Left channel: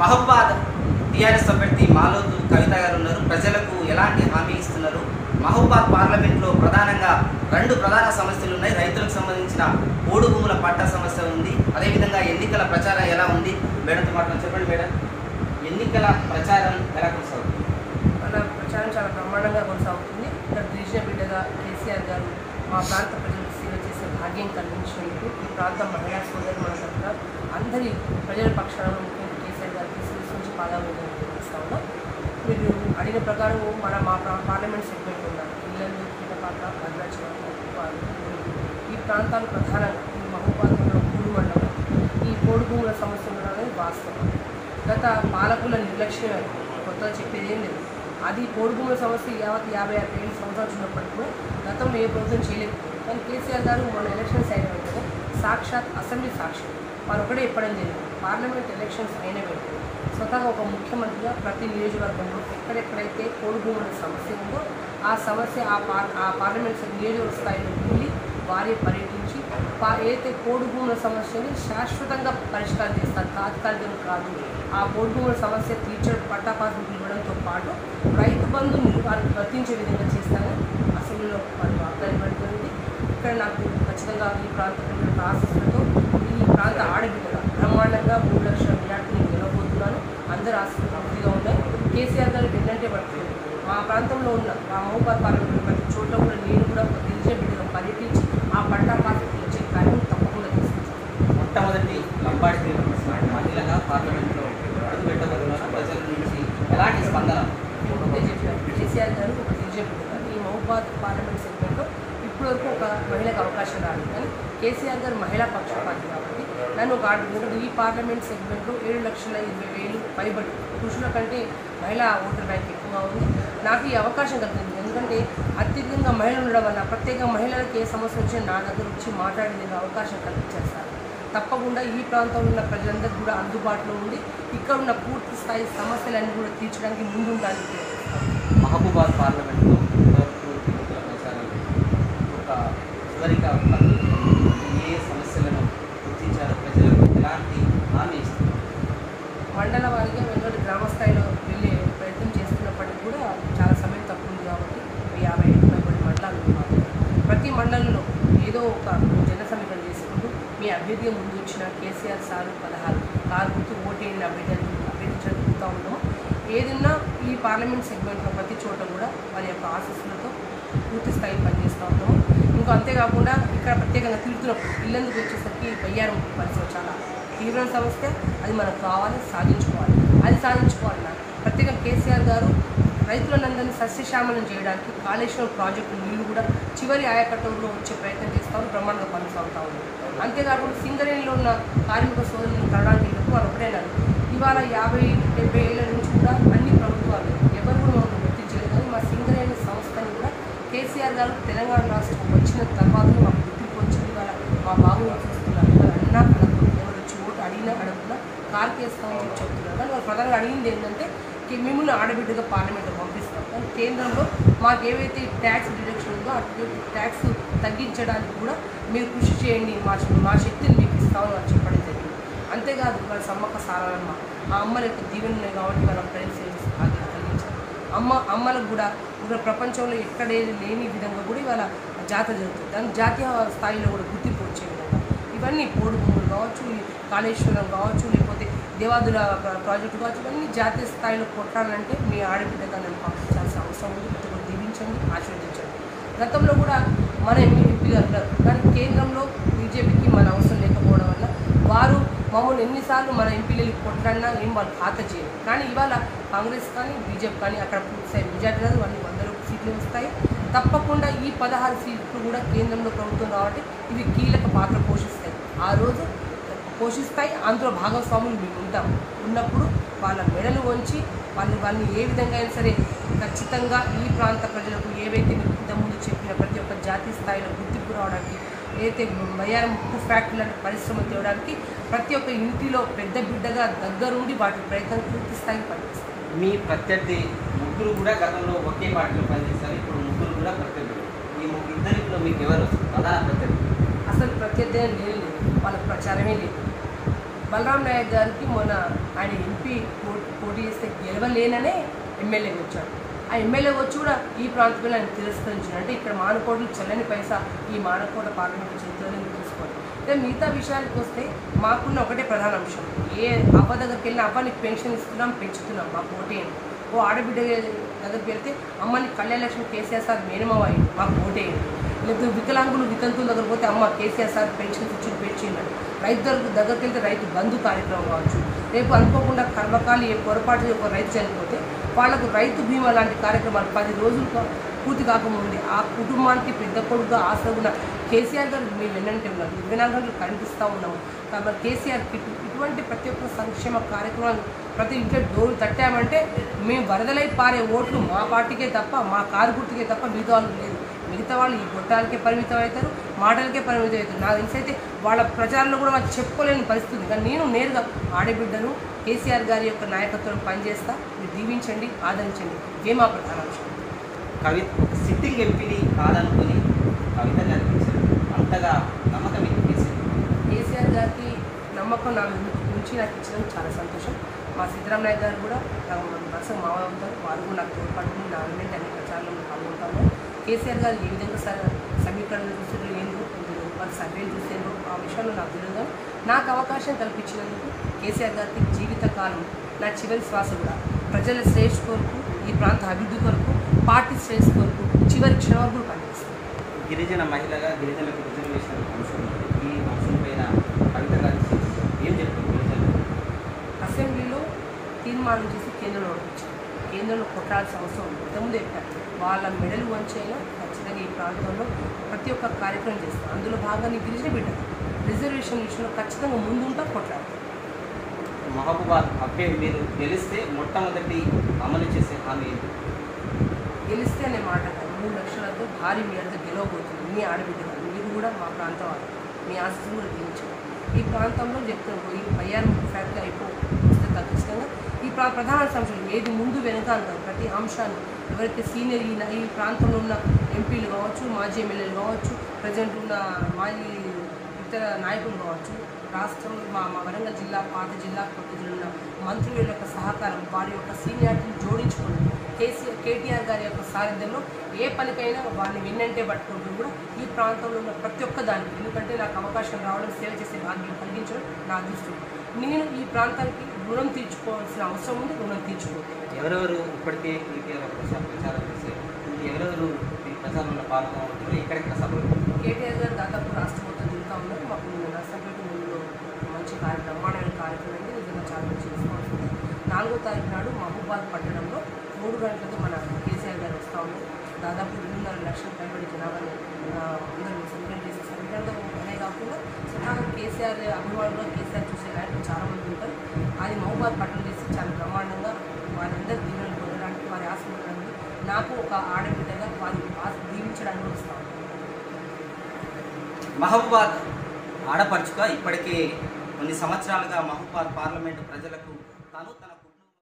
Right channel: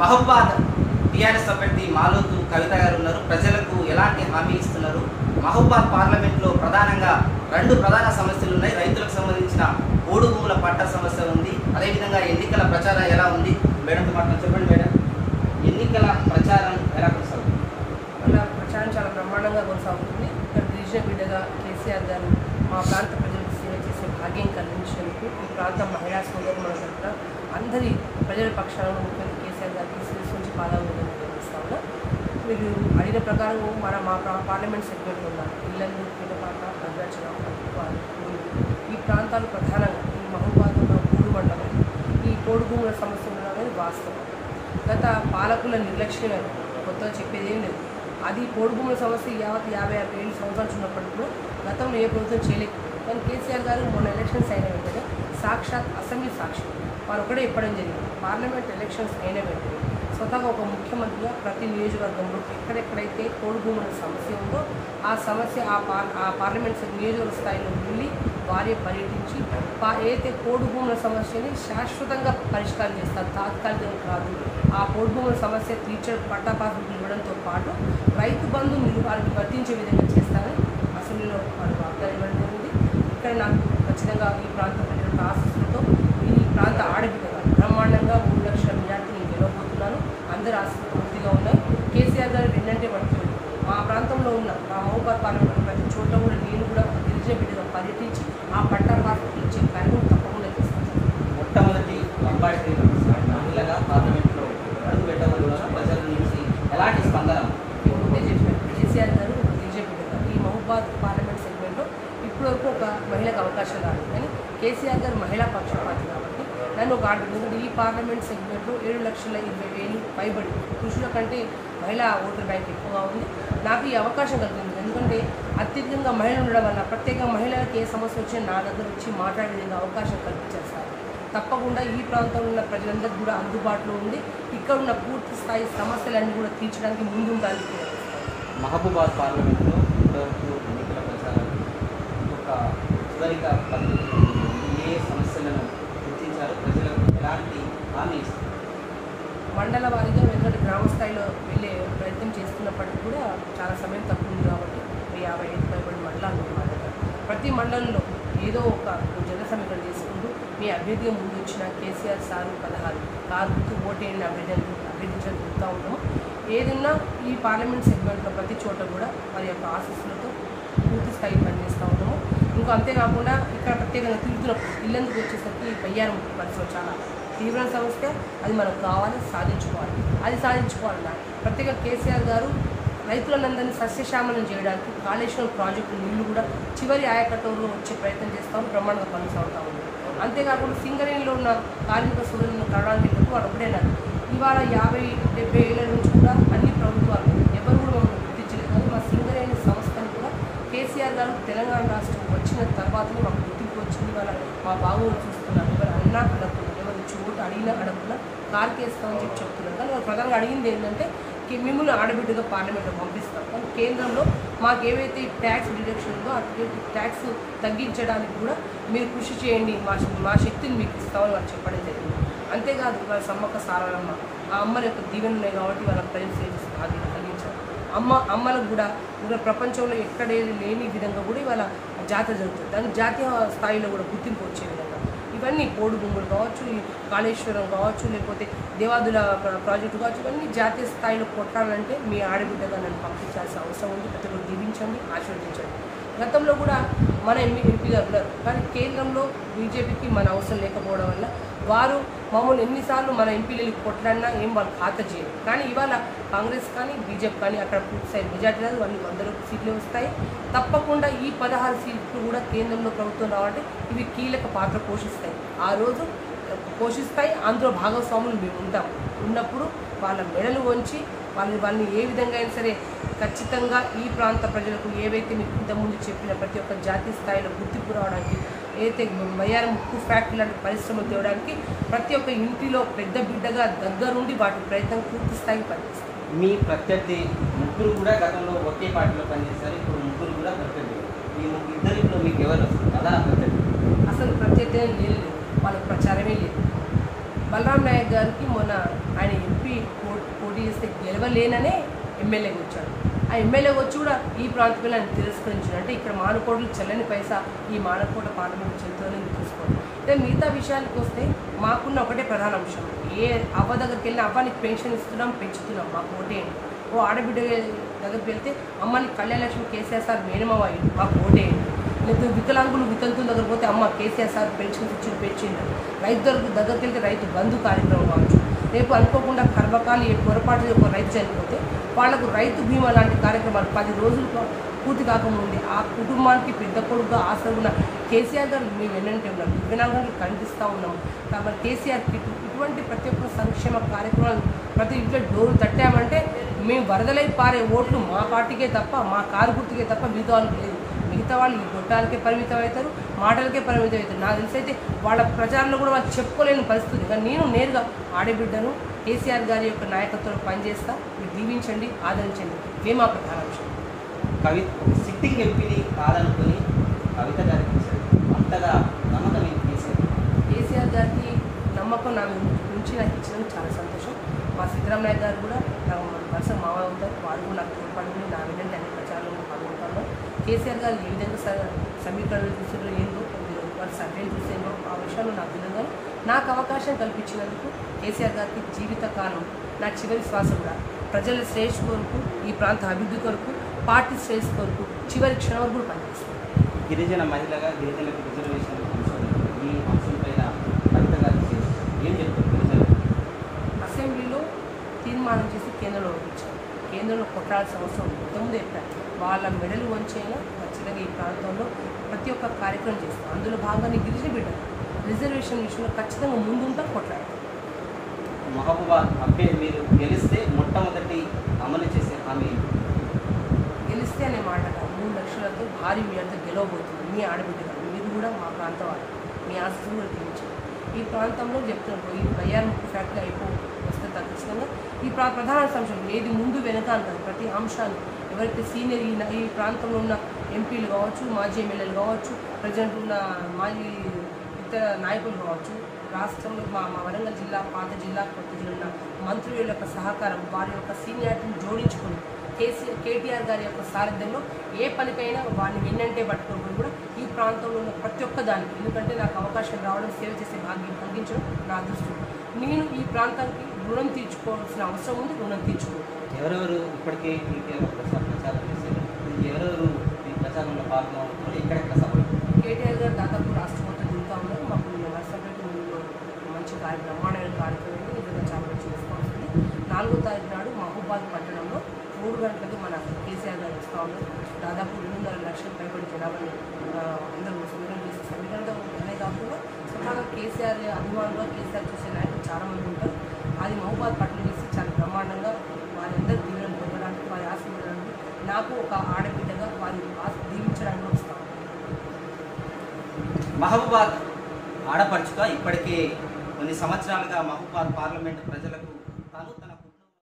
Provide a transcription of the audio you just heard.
Mahabubabad TRS అభ్యర్థి మాలోతు కవిత గారు ఉన్నారు. ప్రజలకు ఎలాంటి హామీ ఇస్తున్నారు? మహబూబాద్ పార్లమెంట్లో ప్రధానంగా రెండు ప్రధాన సమస్యలు ఉన్నాయి. రైతులకు సంబంధించిన పోడు భూముల పట్టా సమస్య ఉంది. అదేవిధంగా ఎన్నికల ప్రచారం ఎలా ఉంది? మేడంతో మాట్లాడి చెప్పండి మేడం, ఎన్నికల ప్రచారం ఎలా కొనసాగుతుంది? మన ప్రచారం చాలా బ్రహ్మాండంగా కొనసాగుతుంది. ఇక్కడ గిరిజన బిడ్డగా కేసీఆర్ గారు మా ప్రాంత ప్రజలకు సేవ చేసే భాగ్యం కలిగించినందుకు ఈ ప్రాంత మహిళా సోదరు మన తరఫున అందరి ప్రజల పక్షాన ముఖ్యంగా కేసీఆర్ గారికి నుంచి పాదాభివందనం తెలియజేస్తా ఉన్నాం. మీరు అడిగిన ప్రకారం మా పార్లమెంట్ సెగ్మెంట్ ఉన్నాం. ఇల్లందు, పిల్లపాక, భద్రాచలం, ఈ ప్రాంతాలు ప్రధానంగా ఈ మహబూబాద్ ఉన్న పూలు మండలం ఈ పోడు భూముల సమస్య ఉండడం అనేది వాస్తవం. గత పాలకుల నిర్లక్ష్యం కొత్తగా చెప్పేది ఏం లేదు. అది పోడు భూముల సమస్య 50-60 సంవత్సరాలు ఉన్నప్పటికీ కూడా గతంలో ఏ ప్రభుత్వం చేయలేకపోయింది. కానీ కేసీఆర్ గారు మొన్న ఎలక్షన్స్ అయిన వెంటనే సాక్షాత్ అసెంబ్లీ సాక్షి వారు ఒకటే చెప్పడం జరిగింది. పార్లమెంట్ ఎలక్షన్స్ అయిన వెంటనే స్వతహాగా ఒక ముఖ్యమంత్రిగా ప్రతి నియోజకవర్గంలో ఎక్కడెక్కడైతే పోడు భూముల సమస్య ఉందో ఆ సమస్య ఆ పార్లమెంట్ నియోజకవర్గ స్థాయిలో వెళ్ళి వారే పర్యటించి ఏదైతే పోడు భూముల సమస్యని శాశ్వతంగా పరిష్కారం చేస్తారు, తాత్కాలికంగా కాదు. ఆ పోడు భూముల సమస్య తీర్చడం పట్టాపాసులు ఇవ్వడంతో పాటు రైతు బంధుని వారికి వర్తించే విధంగా చేస్తారని అసెంబ్లీలో వారు వాగ్దానం ఇవ్వబడుతుంది. ఇక్కడ నాకు ఖచ్చితంగా ఈ ప్రాంతంలో ఆశీస్సులతో ఈ ప్రాంత ఆడబిడ్డగా బ్రహ్మాండంగా 3 లక్షల మెజార్టీని గెలవబోతున్నాను. అందరు ఆశీస్సులు పూర్తిగా ఉన్నాయి. కేసీఆర్ గారు వెన్నంటే పట్టుకుంది. మా ప్రాంతంలో ఉన్న మా మహబూబాద్ పార్లమెంట్ ప్రతి చోట కూడా నేను కూడా ఒక గిరిజన బిడ్డగా పర్యటించి ఆ పట్టాపాసు ఇచ్చే కార్యం తప్పకుండా తీసుకుంటాను. మొట్టమొదటి లంబాడి మహిళగా పార్లమెంట్లో అడుగు పెట్టబోతున్నారు. ప్రజల నుంచి ఎలాంటి స్పందన? మేము ముందే చెప్పినారు, కేసీఆర్ గారు ఒక గిరిజన బిడ్డగా ఈ మహబూబాద్ పార్లమెంట్ సెగ్మెంట్లో ఇప్పటివరకు ఒక మహిళకు అవకాశం రాలేదు. కానీ కేసీఆర్ గారు మహిళా పక్షపాతి కాబట్టి నన్ను ఒక ఆడబిడ్డ ఈ పార్లమెంట్ సెగ్మెంట్లో 7,20,000 పైబడి పురుషుల కంటే మహిళా ఓటర్ బ్యాంక్ ఎక్కువగా ఉంది. నాకు ఈ అవకాశం కలిగింది. ఎందుకంటే అత్యధికంగా మహిళలు ఉండడం వల్ల ప్రత్యేక మహిళలకు ఏ సమస్య వచ్చినా నా దగ్గర వచ్చి మాట్లాడే అవకాశం కల్పించారు సార్. తప్పకుండా ఈ ప్రాంతంలో ఉన్న ప్రజలందరికీ కూడా అందుబాటులో ఉండి ఇక్కడ ఉన్న పూర్తి స్థాయి సమస్యలన్నీ కూడా తీర్చడానికి ముందుంటానికి మహబూబాద్ పార్లమెంట్లో ఎన్నికల ప్రచారం ఒక చివరిగా ఏ సమస్యలను గుర్తించారు? ప్రజలకు ఎలాంటి హామీ ఇస్తారు? మండల వారీగా వెంకటి గ్రామ స్థాయిలో వెళ్ళే ప్రయత్నం చేస్తున్నప్పటికీ కూడా చాలా సమయం తక్కువ ఉంది కాబట్టి 50 పైబడి మండలాలు ఉన్నాయి. ప్రతి మండలంలో ఏదో ఒక జన సమీకరణ చేసుకుంటూ మీ అభ్యర్థిగా ముందు ఇచ్చిన కేసీఆర్ సారు 16 కారు గుర్తు ఓటేయండి అభ్యర్థించడం జరుగుతూ ఉన్నాము. ఏదన్నా ఈ పార్లమెంట్ సెగ్మెంట్లో ప్రతి చోట కూడా వారి యొక్క ఆశీస్సులతో పూర్తి స్థాయి పనిచేస్తూ ఉన్నాము. ఇంకా అంతేకాకుండా ఇక్కడ ప్రత్యేకంగా తిరుగుతున్నప్పుడు ఇల్లందుకు వచ్చేసరికి బయ్యారం పరిస్థితి చాలా తీవ్ర సమస్య. అది మనకు కావాలి, సాధించుకోవాలి. అది సాధించుకోవాలన్నా ప్రత్యేకంగా కేసీఆర్ గారు రైతులందరినీ సస్యశ్యామలం చేయడానికి కాళేశ్వరం ప్రాజెక్టు నీళ్లు కూడా చివరి ఆయకట్టంలో వచ్చే ప్రయత్నం చేస్తామని బ్రహ్మాండంగా కొనసాగుతూ ఉంది. అంతేకాకుండా సింగరేణిలో ఉన్న కార్మిక సోదరులను కలడానికి వెళ్ళినప్పుడు వాళ్ళు ఒకటేనారు. ఇవాళ 50-70 ఏళ్ళ నుంచి కూడా అన్ని ప్రభుత్వాలు ఎవరు కూడా మమ్మల్ని గుర్తించలేదు. కానీ మా సింగరేణి సంస్థని కూడా కేసీఆర్ గారు తెలంగాణ రాష్ట్రం వచ్చిన తర్వాతనే మాకు గుర్తింపు వచ్చింది. ఇవాళ మా బాబుని చూస్తున్నారు. ఎవరు అన్నా అడగకుండా, ఎవరు వచ్చి ఓటు అడిగినా అడగకుండా కారుకేస్తామని చెప్పి చెప్తున్నారు. కానీ వాళ్ళు ప్రధానంగా అడిగింది ఏంటంటే మిమ్మల్ని ఆడబిడ్డగా పార్లమెంట్లో పంపిస్తాం. కానీ కేంద్రంలో మాకు ఏవైతే ట్యాక్స్ డిడక్షన్ ఉందో ఆ ట్యాక్స్ తగ్గించడానికి కూడా మీరు కృషి చేయండి, మా శక్తిని మీకు ఇస్తామని వాళ్ళు చెప్పడం జరిగింది. అంతేకాదు వాళ్ళ సమ్మక్క సారాలమ్మ ఆ అమ్మల యొక్క దీవెన ఉన్నాయి కాబట్టి వాళ్ళ ప్రజెన్స్ కలిగించారు. అమ్మలకు కూడా ఇంకా ప్రపంచంలో ఎక్కడేది లేని విధంగా కూడా ఇవాళ జాతర జరుగుతుంది. దాని జాతీయ స్థాయిలో కూడా గుర్తింపు వచ్చే విధంగా ఇవన్నీ పోడు భూములు కావచ్చు, కాళేశ్వరం కావచ్చు, లేకపోతే దేవాదుల ప్రాజెక్టు కావచ్చు, ఇవన్నీ జాతీయ స్థాయిలో కొట్టాలంటే మీ ఆడబిడ్డగా నన్ను పంపించాల్సిన అవసరం ఉంది. ప్రతి ఒక్కరు దీవించండి, ఆశీర్వదించండి. గతంలో కూడా మన ఎంపీగా ఉన్నారు. కానీ కేంద్రంలో బీజేపీకి మన అవసరం లేకపోవడం వల్ల వారు మమ్మల్ని ఎన్నిసార్లు మన ఎంపీలు కొట్టడన్నా ఏం వాళ్ళు ఖాతా చేయరు. కానీ ఇవాళ కాంగ్రెస్ కానీ బీజేపీ కానీ అక్కడ పూర్తి స్థాయి మెజార్టీ రాదు, అన్ని 100 సీట్లు వస్తాయి. తప్పకుండా ఈ 16 సీట్లు కూడా కేంద్రంలో ప్రభుత్వం రావాలంటే ఇవి కీలక పాత్ర పోషిస్తాయి. ఆ రోజు పోషిస్తాయి. అందులో భాగస్వాములు మేము ఉంటాం. ఉన్నప్పుడు వాళ్ళ మెడలు వంచి వాళ్ళని ఏ విధంగా అయినా సరే ఖచ్చితంగా ఈ ప్రాంత ప్రజలకు ఏవైతే ఇంతకుముందు చెప్పిన ప్రతి ఒక్క జాతీయ స్థాయిలో గుర్తింపు రావడానికి, ఏదైతే బయ్యారం ఉక్కు ఫ్యాక్టరీ లాంటి పరిశ్రమలు తేవడానికి ప్రతి ఒక్క ఇంటిలో పెద్ద బిడ్డగా దగ్గరుండి వాటి ప్రయత్నం పూర్తి స్థాయికి పనిచేస్తారు. మీ ప్రత్యర్థి ముగ్గురు కూడా గతంలో ఒకే పార్టీలో పనిచేస్తారు. ఇప్పుడు ముగ్గురు కూడా ప్రత్యర్థులు. ఈ ఇద్దరిలో మీకు ఎవరు ప్రధాన ప్రత్యర్థి? అసలు ప్రత్యర్థి లేదు, వాళ్ళ ప్రచారమే లేదు. బలరాం నాయక్ గారికి మొన్న ఆయన ఎంపీ పోటీ చేస్తే గెలవలేననే ఎమ్మెల్యేగా వచ్చాడు. ఆ ఎమ్మెల్యేగా వచ్చి కూడా ఈ ప్రాంతంలో ఆయన తిరస్కరించాడు. అంటే ఇక్కడ మానకోటలు చెల్లని పైసా ఈ మానకోట పార్లమెంట్ చెల్లుతుందని తీసుకోండి. అయితే మిగతా విషయానికి వస్తే మాకున్న ఒకటే ప్రధాన అంశం, ఏ అవ్వ దగ్గరికి వెళ్ళినా అబ్బానికి పెన్షన్ ఇస్తున్నాం, పెంచుతున్నాం, మాకు ఓటేయండి. ఓ ఆడబిడ్డ దగ్గరికి వెళ్తే అమ్మని కళ్యాణలక్ష్మి కేసీఆర్ సార్ మేనమావ అయ్యింది, మాకు ఓటేయండి. లేకపోతే వికలాంగులు వితంతుల దగ్గర పోతే అమ్మ కేసీఆర్ సార్ పెన్షన్స్ ఇచ్చి పెంచింది. రైతు దగ్గరికి వెళ్తే రైతు బంధు కార్యక్రమం కావచ్చు. రేపు అనుకోకుండా కర్మకాలి పొరపాటు ఒక రైతు చనిపోతే వాళ్లకు రైతు బీమా లాంటి కార్యక్రమాలు 10 రోజులు పూర్తి కాకముందు ఆ కుటుంబానికి పెద్ద కొడుకుగా ఆసరుగున్న కేసీఆర్ గారు మేము వెన్నంటే ఉన్నారు. 24 గంటలు కనిపిస్తూ ఉన్నాము. కాబట్టి కేసీఆర్ ఇటువంటి ప్రతి ఒక్క సంక్షేమ కార్యక్రమాలు ప్రతి ఇంట్లో డోరు తట్టామంటే మేము వరదలై పారే ఓట్లు మా పార్టీకే తప్ప, మా కారు గుర్తుకే తప్ప మిగతా వాళ్ళకి లేదు. మిగతా వాళ్ళు ఈ గొట్టాలకే పరిమితం అవుతారు, మాటలకే పరిమితం అవుతారు. నాకు తెలిసి అయితే వాళ్ళ ప్రచారంలో కూడా వాళ్ళు చెప్పుకోలేని పరిస్థితి. కానీ నేను నేరుగా ఆడబిడ్డను కేసీఆర్ గారి యొక్క నాయకత్వంలో పనిచేస్తా. మీరు దీవించండి, ఆదరించండి. ఇదే మా ప్రధాన అంశం. సిట్టింగ్ ఎంపీని కాదనుకుని కవిత గారికి అంతగా నమ్మకం కేసీఆర్ గారికి నమ్మకం నా నుంచి నాకు ఇచ్చినందుకు చాలా సంతోషం. మా సిద్ధరాం నాయక్ గారు కూడా నాకు వరుస మావ అవుతారు. వారు కూడా నాకు తోడ్పడుతుంది. నా వెంటనే అన్ని ప్రచారంలో పాల్గొంటాము. కేసీఆర్ గారు ఏ విధంగా సమీకరణలు చూసారో ఏందో, వారు సర్వేలు చూసేందో ఆ విషయంలో నాకు తెలియదు. నాకు అవకాశం కల్పించినందుకు కేసీఆర్ గారికి జీవితకాలం నా చివరి శ్వాస కూడా ప్రజల శ్రేష్ఠ కొరకు, ఈ ప్రాంత అభివృద్ధి కొరకు, పార్టీ శ్రేష్ఠ కొరకు చివరి క్షణం వరకు పనిచేస్తాను. గిరిజన మహిళగా గిరిజనులకు రిజర్వేషన్ అంశం, ఈ అంశం పైన కవిత గారు ఏం చెప్తారు? గిరిజనులు అసెంబ్లీలో తీర్మానం చేసి కేంద్రంలో పంపించారు. కేంద్రంలో కొట్టాల్సిన అవసరం ఉంది. ఇంతకుముందు చెప్పారు వాళ్ళ మెడలు వంచైనా ఖచ్చితంగా ఈ ప్రాంతంలో ప్రతి ఒక్క కార్యక్రమం చేస్తాం. అందులో భాగంగా గిరిజన బిడ్డలు రిజర్వేషన్ విషయంలో ఖచ్చితంగా ముందుంటా కొట్లాడతారు. మహబూబాద్ అబ్బే మీరు గెలిస్తే మొట్టమొదటి అమలు చేసే హామీ గెలిస్తే అనే మాట కాదు, 3 లక్షలతో భారీ మేరతో గెలవబోతుంది. మీ ఆడబిడ్డగా మీరు కూడా మా ప్రాంతం వాళ్ళు, మీ ఆస్తులు కూడా దీవించారు. ఈ ప్రాంతంలో చెప్తున్నాం, ఈ బయ్యార్ ముఖ్య ఫ్యాక్టరీ వస్తే ఖచ్చితంగా ఈ ప్రధాన అంశాలు ఏది ముందు వెనక అంటారు. ప్రతి అంశాన్ని ఎవరైతే సీనియర్ ఈ ప్రాంతంలో ఉన్న ఎంపీలు కావచ్చు, మాజీ ఎమ్మెల్యేలు కావచ్చు, ప్రజెంట్ ఉన్న మాజీ ఇతర నాయకులు కావచ్చు, రాష్ట్రంలో మా వరంగల్ జిల్లా, పాత జిల్లా, కొత్త జిల్లా ఉన్న మంత్రుల యొక్క సహకారం, వారి యొక్క సీనియారిటీని జోడించుకొని కేటీఆర్ గారి యొక్క సారథ్యంలో ఏ పనికైనా వారిని వెన్నంటే పట్టుకోవడం కూడా ఈ ప్రాంతంలో ఉన్న ప్రతి ఒక్క దానికి, ఎందుకంటే నాకు అవకాశం రావడం, సేవ చేసే భాగ్యం కలిగించడం నా అదృష్టం. నేను ఈ ప్రాంతానికి రుణం తీర్చుకోవాల్సిన అవసరం ఉంది, రుణం తీర్చుకోవాలి. ఎవరెవరు ఇప్పటికే ప్రచారం చేసి ఎవరెవరు ఈ ప్రచారంలో పాల్గొన్నారు? ఎక్కడెక్కడ సభలు? కేటీఆర్ గారు దాదాపు రాష్ట్ర మొత్తం తిరుగుతూ ఉన్నారు. మాకు నర్సంపేట ముందులో మంచి బ్రహ్మాండమైన కార్యక్రమం ఉంది. నిజంగా చాలా మంచి రెస్పాన్స్ ఉంది. 4వ తారీఖు నాడు మహబూబాద్ పట్టణంలో 3 గంటలకు మన కేసీఆర్ గారు వస్తూ ఉన్నారు. దాదాపు 2.5 లక్షల పైబడి జనాభాని అందరూ సెలబ్రేట్ చేసే సమీకరణం అనే కాకుండా స్వతహాగా కేసీఆర్ అభిమానులుగా కేసీఆర్ చూసే నాయకులు చాలామంది ఉంటారు. అది మహబూబాద్ పట్టణం చేసి చాలా బ్రహ్మాండంగా వారి అందరూ దీవెనలు పొందడానికి, వారి ఆశీర్వాదాన్ని నాకు ఒక ఆడబిడ్డగా వారి దీవించడానికి వస్తాం. మహబూబాద్ ఆడపడుచుగా ఇప్పటికే కొన్ని సంవత్సరాలుగా మహబూబాద్ పార్లమెంటు ప్రజలకు తాను తన